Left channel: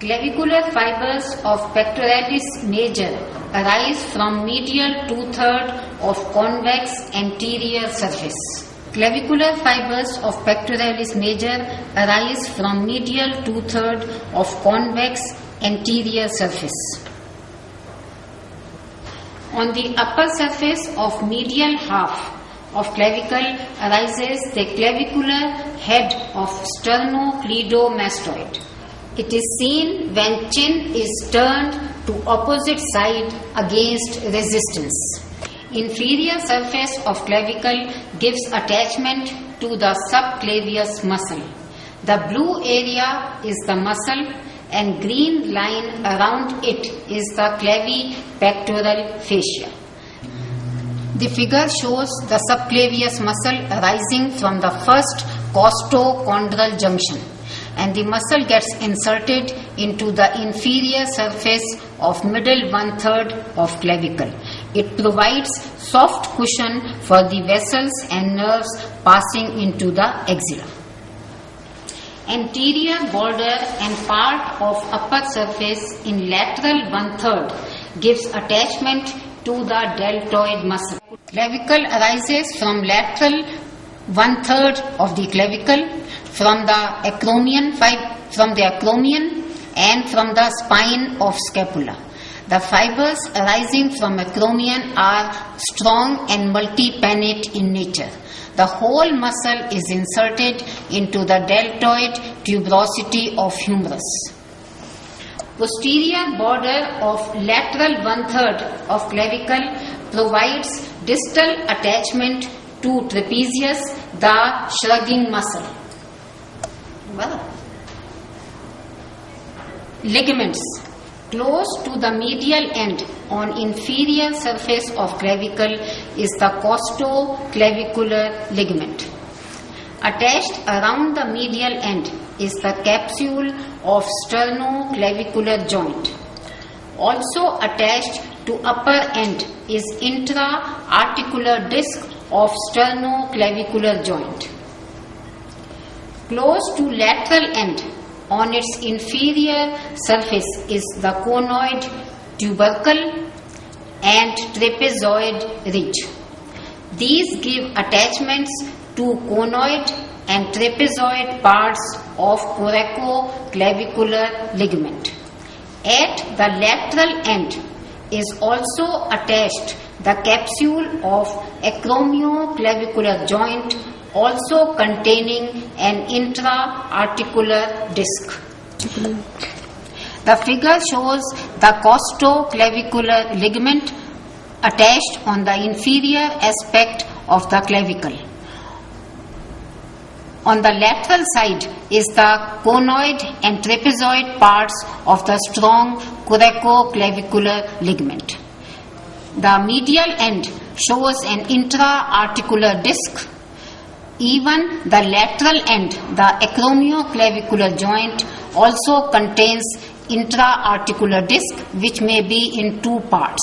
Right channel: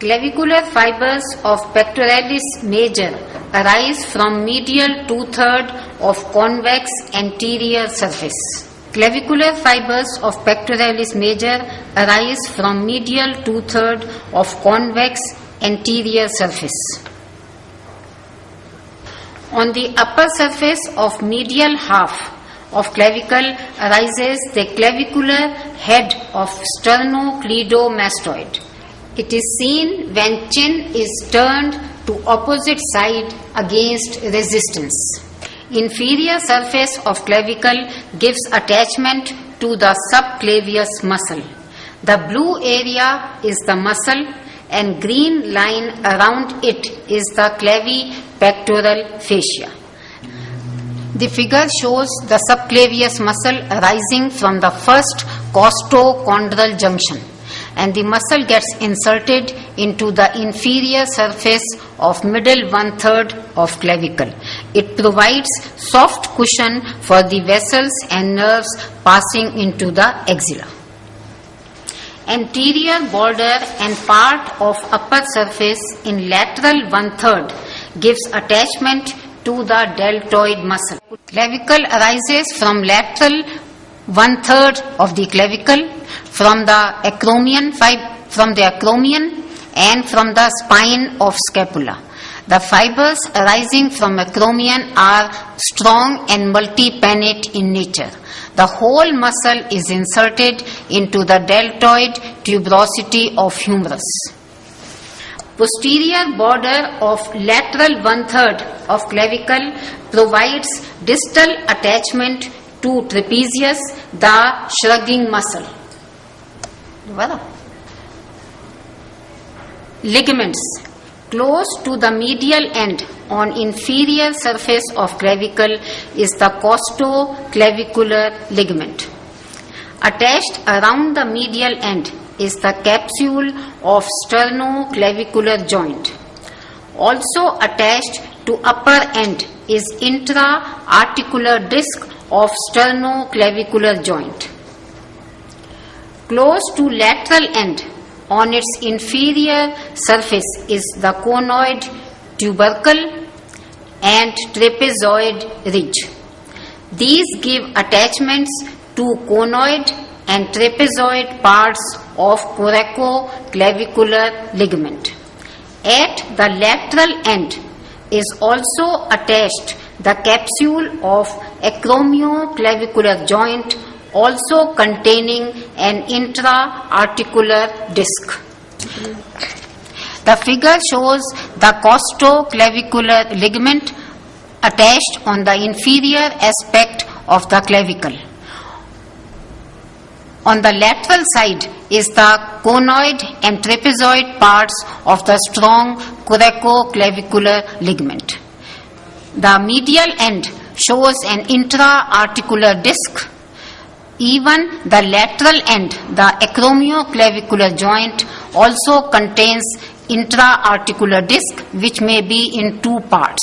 Clavicular fibers of pectoralis major arise from medial two-thirds of convex anterior surface. Clavicular fibers of pectoralis major arise from medial two-thirds of convex anterior surface. On the upper surface of medial half of clavicle arises the clavicular head of sternocleidomastoid. It is seen when chin is turned to opposite side against resistance. Inferior surface of clavicle gives attachment to the subclavius muscle. The blue area is the muscle and green line around it is the clavipectoral fascia. The figure shows the subclavius muscle arising from the first costochondral junction, and the muscle gets inserted into the inferior surface of middle one-third of clavicle. It provides soft cushion for the vessels and nerves passing into the axilla. Anterior border and part of upper surface in lateral one-third gives attachment to the deltoid muscle. Clavicle arises from lateral one-third of the clavicle, from the acromion and from the spine of scapula. The fibers arising from acromion are strong and multi-pannate in nature. The whole muscle is inserted into the deltoid tuberosity of humerus. Posterior border of lateral one-third of clavicle provides distal attachment to trapezius, the shrugging muscle. Ligaments. Close to the medial end on inferior surface of clavicle is the costoclavicular ligament. Attached around the medial end is the capsule of sternoclavicular joint. Also attached to upper end is intra-articular disc of sternoclavicular joint. Close to lateral end on its inferior surface is the conoid tubercle and trapezoid ridge. These give attachments to conoid and trapezoid parts of coracoclavicular ligament. At the lateral end is also attached the capsule of acromioclavicular joint, also containing an intra-articular disc. The figure shows the costoclavicular ligament attached on the inferior aspect of the clavicle. On the lateral side is the conoid and trapezoid parts of the strong coracoclavicular ligament. The medial end shows an intra-articular disc. Even the lateral end, the acromioclavicular joint, also contains intra-articular disc, which may be in two parts.